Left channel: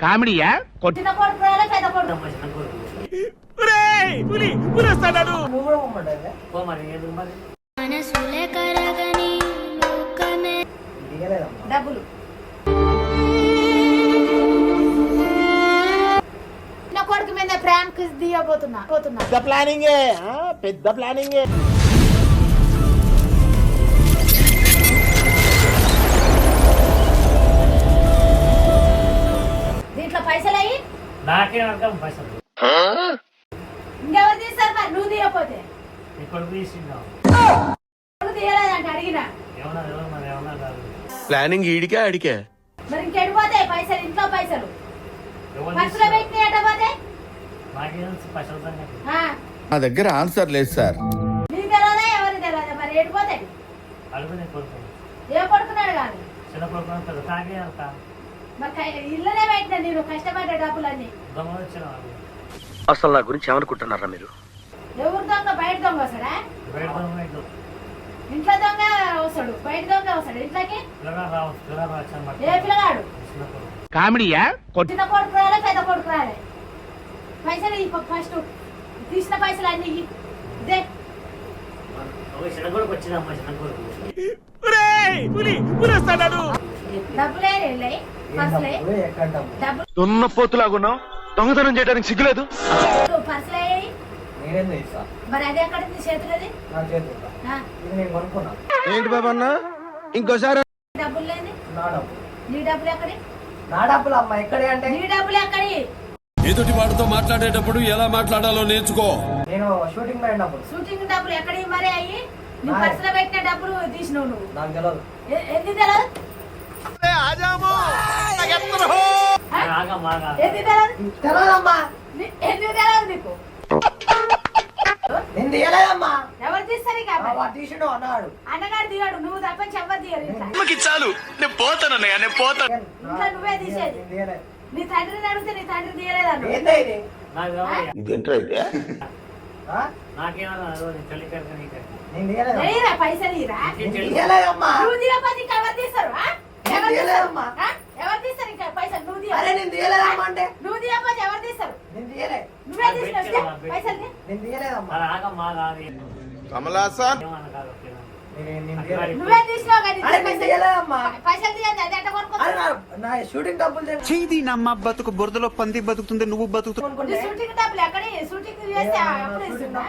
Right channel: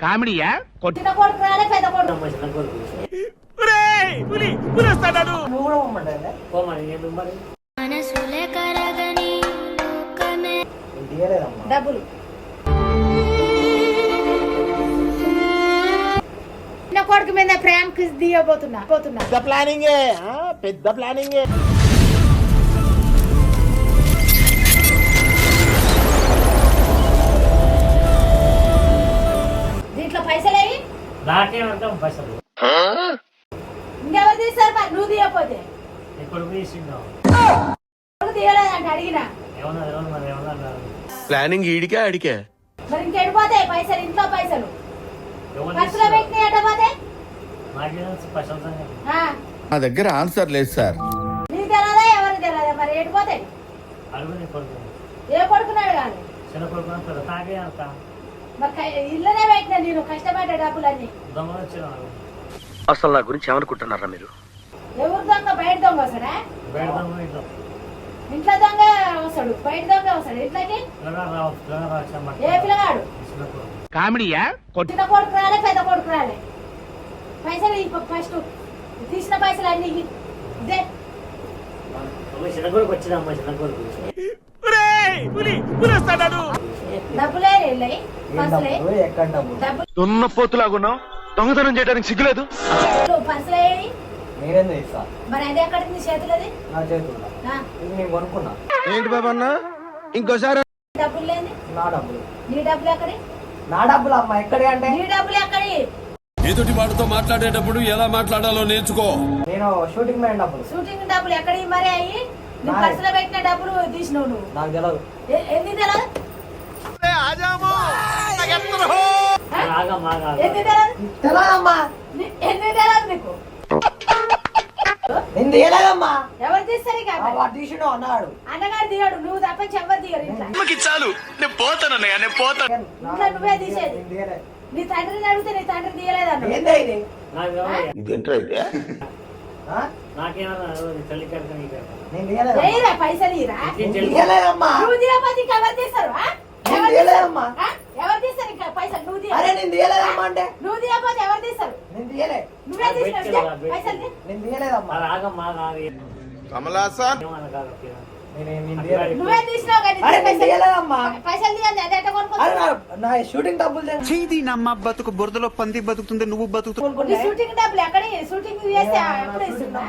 కామెడీయా చిన్న కొడుకు రాలే పెద్ద కొడుకు మనసులే కరగని లోకమే డబ్బులు చిన్న కొడుకు మీద ప్రాంక్ దియబోతున్నా పెద్ద ప్లానింగే పెద్ద ప్లానింగే. దీంట్లో పైసలు అయ్యి నాకే వర్గం పైసలు ఇంకెవరు తీస్తారు మరి నువ్వు తీయకపోతే ఎప్పుడు తీసిందా కొడుకు తీయలేదంటే అడిగినా ఏమన్నా మరి ఏమన్నా ప్లానింగ్ ఈడికే అడికే. మరి ఇంకెడిపోతాయి పైసలు ఇంట్లో పైసలు ఖర్చులో పెట్టిన ఎటపోతే నాకేం పైసలు సంగతి నా దగ్గర ఆన్సర్ లేదు సార్. నీకు తెలియదా ఎవరికి తెలియదా మరి ఎడిపోతాయి అడుగునే కొడుకు ఏ కొడుకున్నాడు కాదు చిన్న కొడుకు పెద్ద తాగే అంతా మరి ఇల్లనే పెట్టిన నేను కష్టపడ్డ డబ్బులన్నీ దొంగలు వచ్చిన అసలు నా గురించి ఏమనుకుంటున్నారా మీరు? ఎవరు దొంగ బయట దొంగ వస్తాడా బయట దొంగ ఇంట్లో ఇంట్లో దొంగ వస్తాడు బయట దొంగ వస్తాడు ఇంట్లోకి ఏ పిల్లగాడు చిన్న కొడుకు కామెడీయా చిన్న కొడుకు రాలే పెద్ద కొడుకు రాలే పైసలు ఫస్ట్ తీసిన పైసలు అన్ని ఇదే చిన్న కొడుకు వచ్చిందమ్మా చిన్న కొడుకు డబ్బులే వెళ్ళాయి పర్సులే డబ్బులు దున్నపోతులాగున్నావు, దొంగతనం చేయడానికి సిగ్గులేదు. పర్సులే మరి అది ఎక్కడ నీ చేతులది ఏంటి బాబా అన్న ఇంకోసారి డబ్బులు లేని నీ డబ్బులు ఎక్కడి నా డబ్బులు అమ్మా ఎక్కడే అంటే నీ డబ్బులు ఎక్కడి ఎదుటి వాడితో మాట్లాడేటప్పుడు ఎలా మాట్లాడాలో నేర్చుకో. నేను షూటింగ్ పోయిన డబ్బులు షూటింగ్ డబ్బులు ఎక్కడి మరి అయ్యి నీ పర్సులో పెట్టిన డబ్బులు తీసినావు నువ్వు నాకు తెలియదు. ఎందుకు తెలియదు ఎందుకు తెలియదు తెలియదమ్మా, ఎందుకు తెలియదు నీకు నేను తీయలేదమ్మా. ఎవరు తీస్తారు ఇక వాడు తీసినావు అన్నాడు. అన్నగారు దిగాడు నువ్వు తప్పని ఎవరు దిగారు ఇంట్లో చాలు నేను పోతానన్నయ్య, నేను పోతాను. ఇంట్లో నువ్వే తీసేది నేను తీయలేదు. నీ తండ్రిని అడిగితే నీ తండ్రి తీయలేదన్న ఏందే ఇది? ఇదేంట్రా అయితే ఆ? నాకేమన్నా తల్లి కడతా నీ కడతా నేను తీయలేదు. వెయ్యిరా పైసలు ఇరా నేను తీయలేదమ్మా. నువ్వు తీయకపోతే ఇంకా ఎవరు తీస్తారు ఆ? నేను ఎవరు తీయలేదమ్మా. తీస్తారు? ఆ? ఎవరు తీస్తారు ఇంకా పైసలు నువ్వు అరే తీయ నేను తీయలేదమ్మా అంటే నువ్వు తీయకపోతే ఎవరు తీస్తారు నేను తీయలే. నువ్వే తీసినావు పైసలు తీ. నేను తీయలేదమ్మా. మన ఆగమ్మా కాదు కమలాసన్ ఏమన్నా కాదు నేను తీయలేదు. నువ్వే తీసినావు కానీ అరే నేను తీయలేదమ్మా. పైసలు తీయండి అది ఎట్ట అరే కొనుక్కో నా షూటింగ్ డబ్బులు తెచ్చు. చీది నమ్మ బతుకు బురదలో పంది బతుకుతుంది, నువ్వు బతుకుతుంది. నీ షూటింగ్ డబ్బులు ఎక్కడి షూటింగ్ చేస్తే ఎప్పుడు ఇస్తున్నా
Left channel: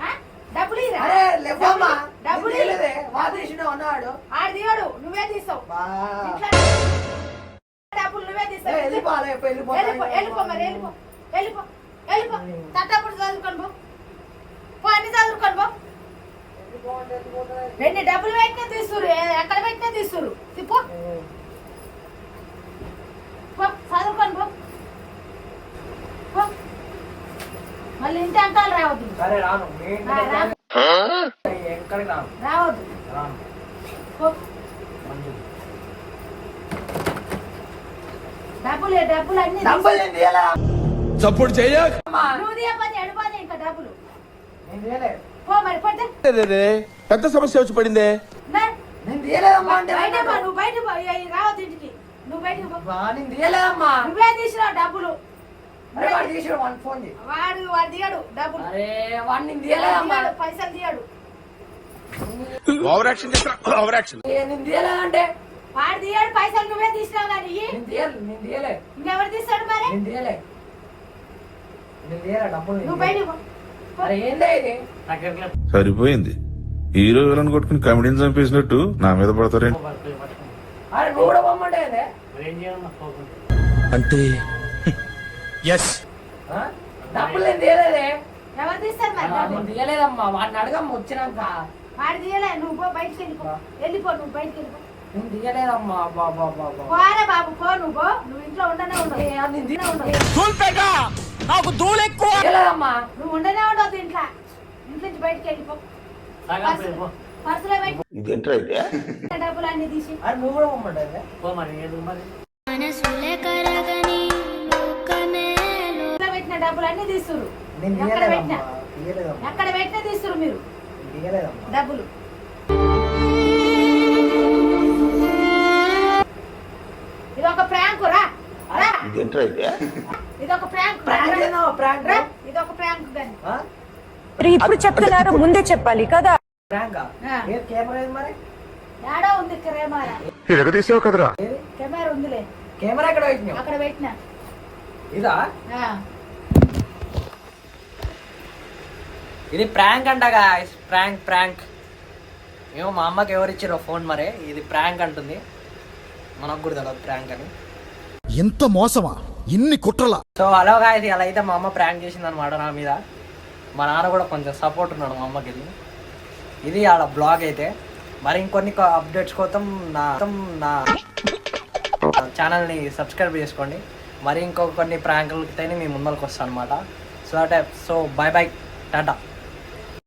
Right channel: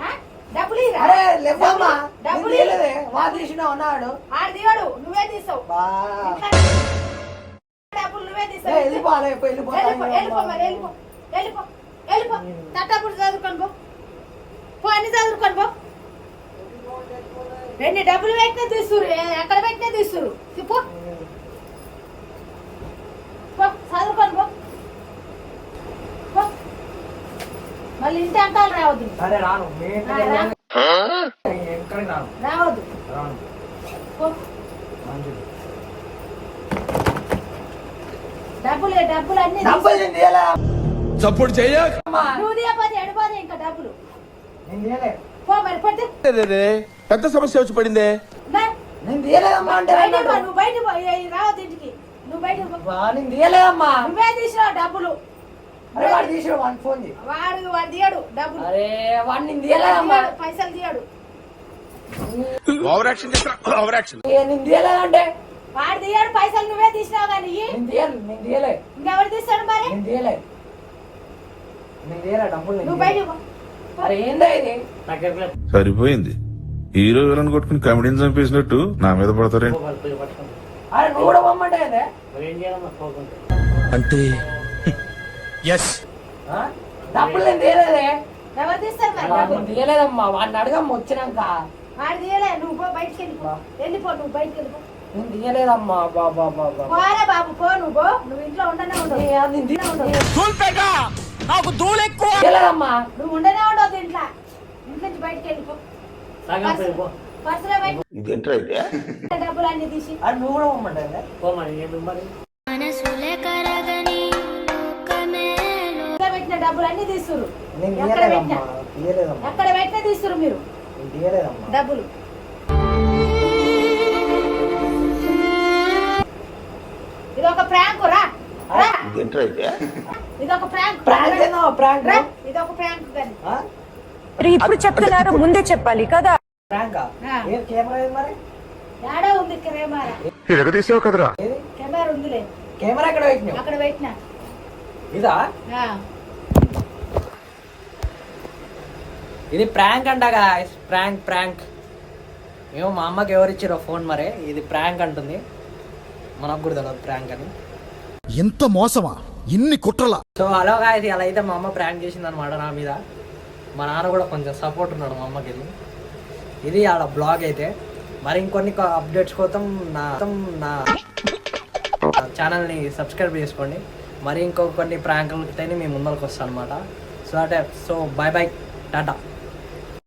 ఆ? డబ్బులు ఇరా అరే లేవమ్మా, నేను డబ్బులు తీయలేదే. వాడు తీసినావు అన్నాడు. ఆడు తీయడు నువ్వే తీస్తావు బా. ఇంట్లో డబ్బులు నువ్వే ఏ, తీస్తావు వెళ్ళిపో, అరే, వెళ్ళిపో. వెళ్ళిపో మరి వెళ్ళిపో వెళ్ళిపో వెళ్ళిపో తట్టప్పుడు చదువుకొని పో అన్ని చదువుకొని పో రెండు డబ్బులు పెట్టినా తీస్తురు ఎక్కడ పెట్టినా తీస్తురు పో పో చదువుకొని పో మళ్ళీ ఇంటి అంకాలు రావద్దు సరే రాను. ఎక్కడికి రాను. రావద్దు రాను. పో మంచిది. డబ్బులు అన్ని డబ్బులు నేను తీయలే. సపోర్ట్ చెయ్యక్. నువ్వు తీయకపోతే ఎడిపోతే ఇంకా డబ్బులు నేను తీయలే. పో మరి పడితే పెద్ద సమస్య వచ్చి పడిందే. నేను తీయలేదమ్మా అంటే బయట పో నువ్వు బయట పో రావద్దు ఇంటికి నువ్వు బయట పో బా, నేను తీయలేదమ్మా. నువ్వే తీసినావు డబ్బులు అరే వాడు తీసాడు, వాడికి ఫోన్ చేయి. వాడు తీయడు డబ్బులు అరే వాడు నేను తీయలేదమ్మా. తీయడు, పైసలు తీయడు ఓవర్ యాక్షన్ ఓవర్ యాక్షన్. నేను తీయలేదంటే వాడు తీయడు పైసలు నువ్వే తీసినావు కానీ నేను తీయలే. ఇంకెవరు తీస్తాడు మరి నేను తీయలే. నేను తీయలే డబ్బులు నేను నువ్వు బయట పో అరే ఏందా ఇది? దగ్గర సరిపోయింది. హీరో విలన్ కొట్టుకుని కమెడీని చంపేసినట్టు నా మీద పడతారేంటి? పట్టుకుంటా అరే నువ్వు కూడా పొమ్మంటే ఏందే? ఏం చేయాలమ్మా పోకుండా అంటే ఎస్ ఆ? డబ్బులు నేను తీయలేదే. ఎవరు తీస్తారు మరి నేను డబ్బులు తీయలేదమ్మా. వాడిని అడగమ్మ వచ్చినాక. వాడు తీయలే నువ్వు పో బయటికి వెళ్ళిపో నువ్వు బయటికి వెళ్ళిపో నేను తీయలేదమ్మా. బాబా పోరా బాబు పో నువ్వు ఇంట్లో ఉండనే ఉండవు నాకు దూలెక్కువ. తీయలేదమ్మా. నువ్వు ఉండనే ఉండదు ఇంట్లో నుంచి బయటికి వెళ్ళిపో పర్సులో పెట్టి ఇదేంట్రా అయితే డబ్బులు అన్ని తీసి అరే నువ్వు కూడా పొమ్మంటే ఏందే? పోమని ఏదో మరి మనసులే కరగని లోకమే పర్సులో పెట్టిన డబ్బులు అన్ని తీస్తురు నేను ఎక్కడ పెట్టినా తీయలేదమ్మా. ఎక్కడ పెట్టినా తీస్తురు మీరు నేను తీయలేదమ్మా. డబ్బులు ఇదొక ప్రాంక్ రా రా. ఇదేంట్రా అయితే ఇదొక ప్రాంక్ ప్రాంక్ ఏదో ప్రాంక్ రా. ఇదొక ప్రాంక్ కానీ ఇప్పుడు చెప్తున్నారు ముందే చెప్పాలి కదా. ప్రాంకా ఆ. ఏ కెమెరా ఏది మరి? ఏడో ఉంది కెమెరా తీసావు కదరా కెమెరా ఉందిలే కెమెరా ఎక్కడ పెట్టినావు? అక్కడ పెట్టినా ఇదా? ఆ. ఇది ప్రాంక్ అంట గాయ్స్, ప్రాంక్ ప్రాంక్. ఏమో మా అమ్మకి ఎవరు ఇచ్చారో ఫోన్ మరే, ఇది ప్రాంక్ అంటుంది. మనకు కూడా తెలియదు ప్రాంక్ అని. ఎంత మోసమా ఇన్ని కుట్రలా. సో హలో గాయ్స్, అలా అయితే మా అమ్మ ప్రాంక్ చేసింది అనమాట నా మీద. మా నాన్న కూడా కొంచెం సపోర్ట్ ఉన్నాడు మా అమ్మకి వెళ్ళి. ఇది ఆడ బ్లాగ్ అయితే. మరి ఇంకొన్ని అప్డేట్స్ కోసం నా ఛానల్ని సబ్స్క్రైబ్ చేసుకోండి. మరి ఇంకొక కొన్ని ప్రాంకులతో మీ ముందరకు వస్తాను అనమాట. So bye bye, Tata.